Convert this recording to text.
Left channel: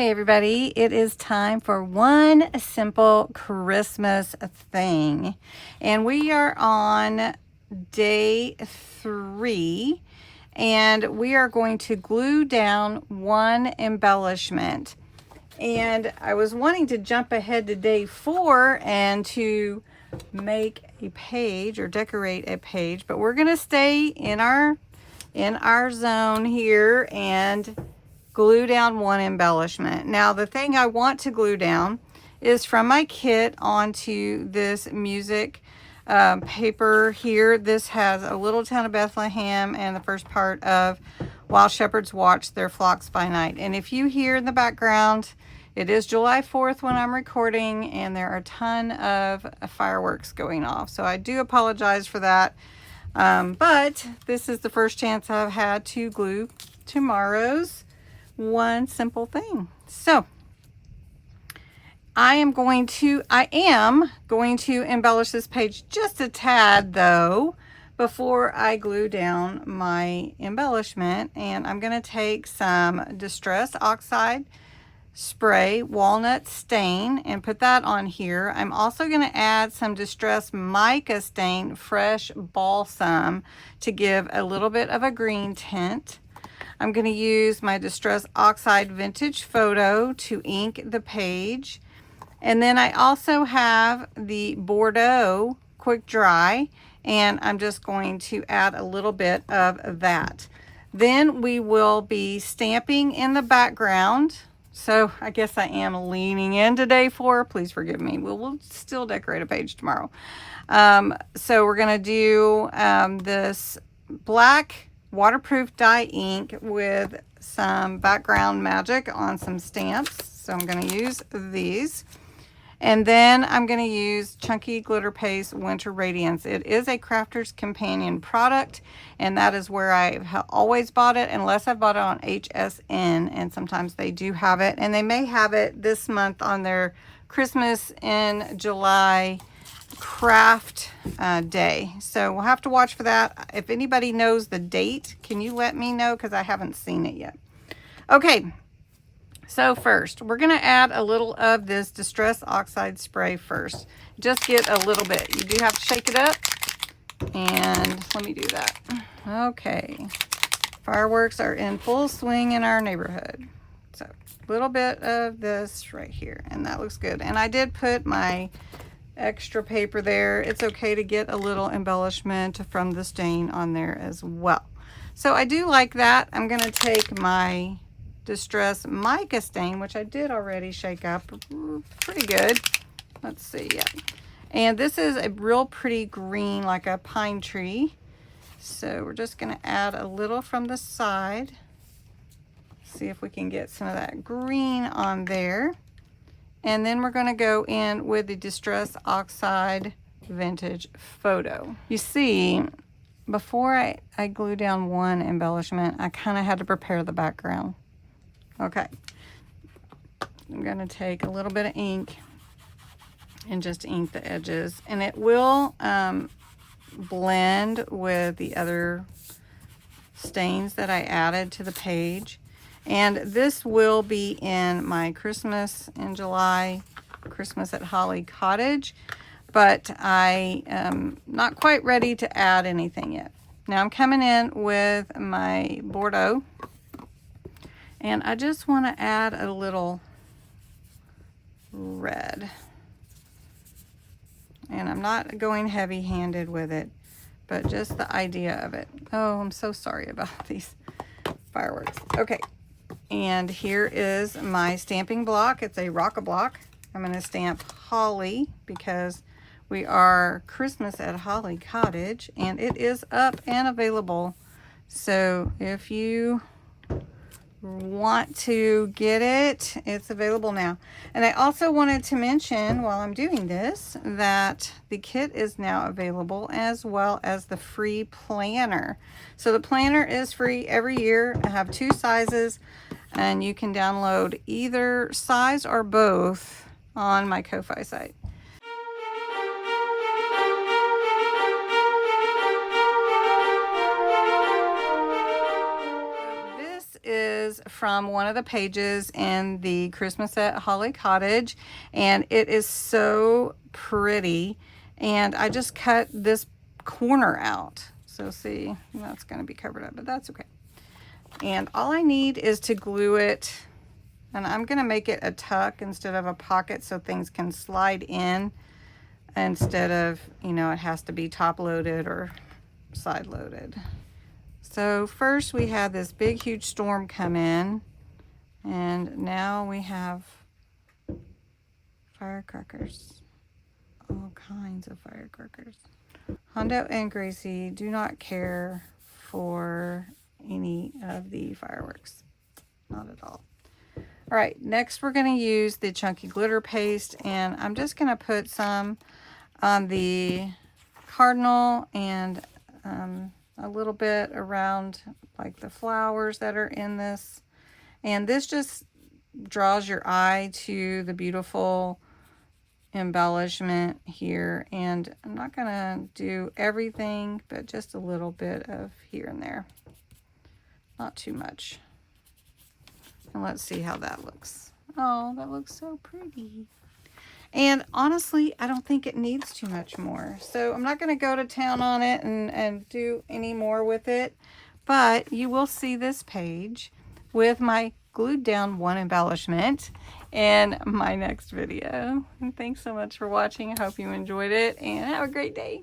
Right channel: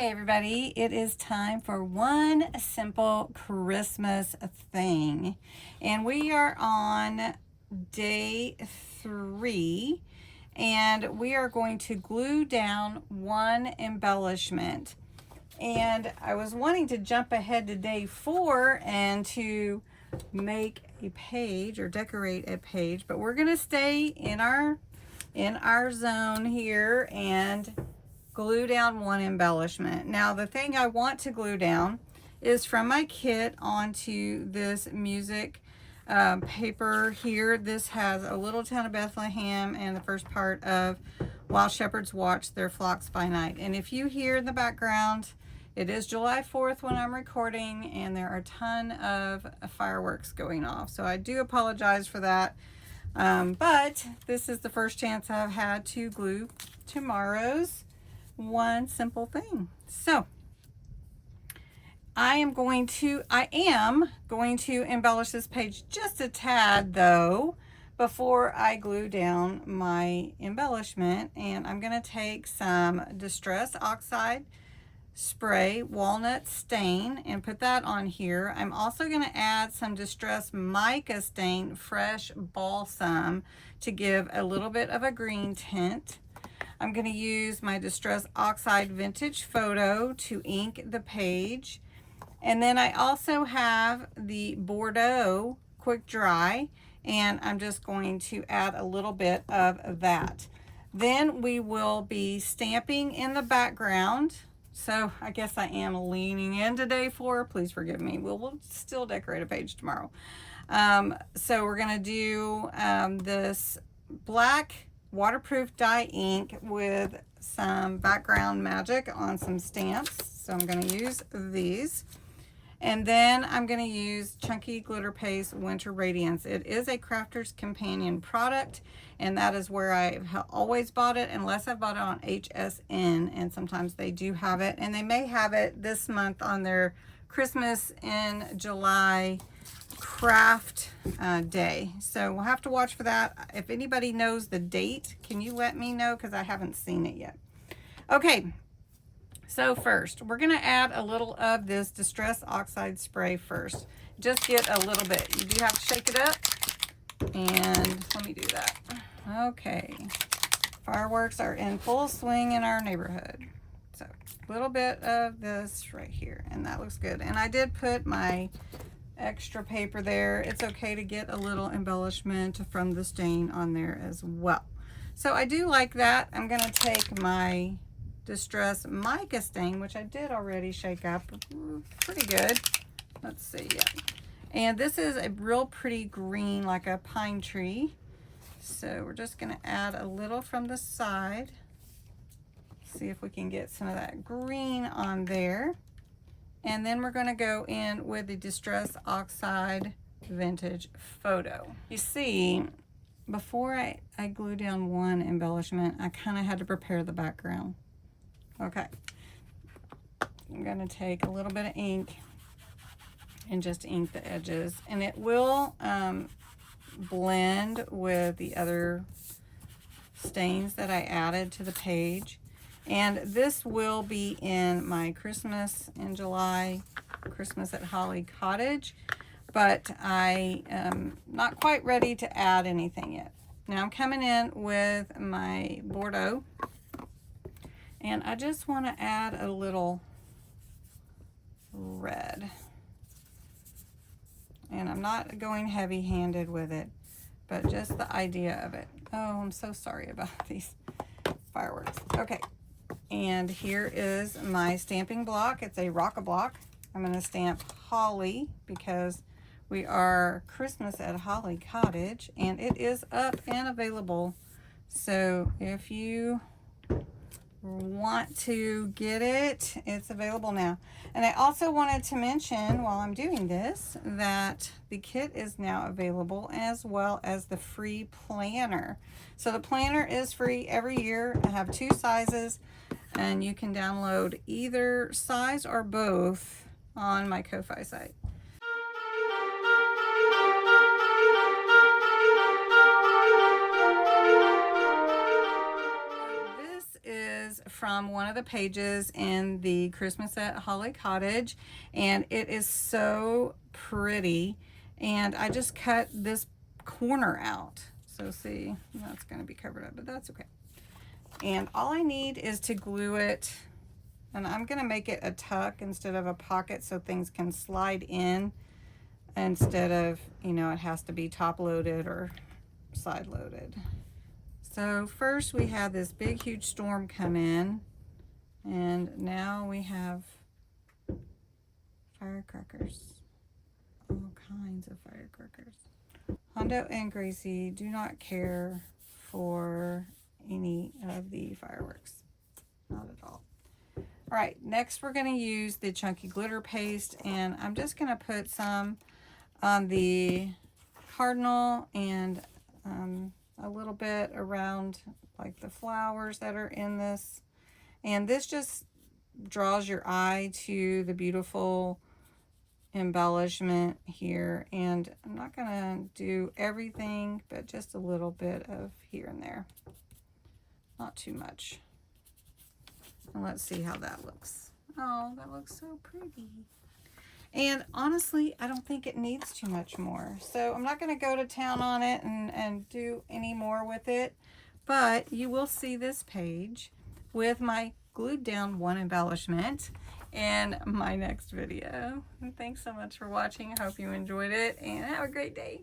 Hey everybody, it is time for one simple Christmas thing. And we are on day 3 and we are going to glue down one embellishment. And I was wanting to jump ahead to day 4 and to make a page or decorate a page, but we're going to stay in our zone here and glue down one embellishment. Now the thing I want to glue down is from my kit onto this music paper here. This has a little town of Bethlehem and the first part of While Shepherds Watch Their Flocks by Night. And if you hear in the background, it is July 4th when I'm recording and there are a ton of fireworks going off. So I do apologize for that. But this is the first chance I've had to glue tomorrow's one simple thing. So I am going to embellish this page just a tad though before I glue down my embellishment, and I'm going to take some Distress Oxide Spray Walnut Stain and put that on here. I'm also going to add some Distress Mica Stain Fresh Balsam to give a little bit of a green tint. I'm going to use my Distress Oxide Vintage Photo to ink the page. And then I also have the Bordeaux Quick Dry, and I'm just going to add a little bit of that. Then we will be stamping in the background. So I guess I am leaning into day 4. Please forgive me. We'll still decorate a page tomorrow. So we're going to do this black waterproof dye ink with some background magic on some stamps. So I'm going to use these. And then I'm going to use Chunky Glitter Paste Winter Radiance. It is a Crafter's Companion product, and that is where I have always bought it, unless I've bought it on HSN, and sometimes they do have it. And they may have it this month on their Christmas in July craft day. So we'll have to watch for that. If anybody knows the date, can you let me know? Because I haven't seen it yet. Okay. So first, we're going to add a little of this Distress Oxide Spray first. Just get a little bit. You do have to shake it up. And let me do that. Okay. Fireworks are in full swing in our neighborhood. So a little bit of this right here. And that looks good. And I did put my extra paper there. It's okay to get a little embellishment from the stain on there as well. So I do like that. I'm going to take my Distress Mica Stain, which I did already shake up pretty good. Let's see. Yeah. And this is a real pretty green, like a pine tree. So we're just going to add a little from the side. See if we can get some of that green on there. And then we're going to go in with the Distress Oxide Vintage Photo. You see, before I glue down one embellishment, I kind of had to prepare the background. Okay, I'm going to take a little bit of ink and just ink the edges, and it will blend with the other stains that I added to the page. And this will be in my Christmas in July, Christmas at Holly Cottage, but I am not quite ready to add anything yet. Now I'm coming in with my Bordeaux, and I just want to add a little red. And I'm not going heavy-handed with it, but just the idea of it. Oh, I'm so sorry about these fireworks. Okay, and here is my stamping block. It's a rock-a-block. I'm going to stamp Holly because we are Christmas at Holly Cottage, and it is up and available. So if you want to get it, it's available now. And I also wanted to mention while I'm doing this that the kit is now available, as well as the free planner. So the planner is free every year. I have 2 sizes, and you can download either size or both on my Ko-Fi site. Is from one of the pages in the Christmas at Holly Cottage, and it is so pretty. And I just cut this corner out. So see, that's going to be covered up, but that's okay. And all I need is to glue it, and I'm going to make it a tuck instead of a pocket so things can slide in instead of, you know, it has to be top loaded or side loaded. So first we had this big huge storm come in, and now we have firecrackers, all kinds of firecrackers. Hondo and Gracie do not care for any of the fireworks, not at all. All right, next we're going to use the chunky glitter paste, and I'm just going to put some on the cardinal and a little bit around like the flowers that are in this. And this just draws your eye to the beautiful embellishment here. And I'm not going to do everything, but just a little bit of here and there. Not too much. And let's see how that looks. Oh, that looks so pretty. And honestly, I don't think it needs too much more. So I'm not going to go to town on it and do any more with it. But you will see this page with my glued down one embellishment in my next video. And thanks so much for watching. I hope you enjoyed it, and have a great day.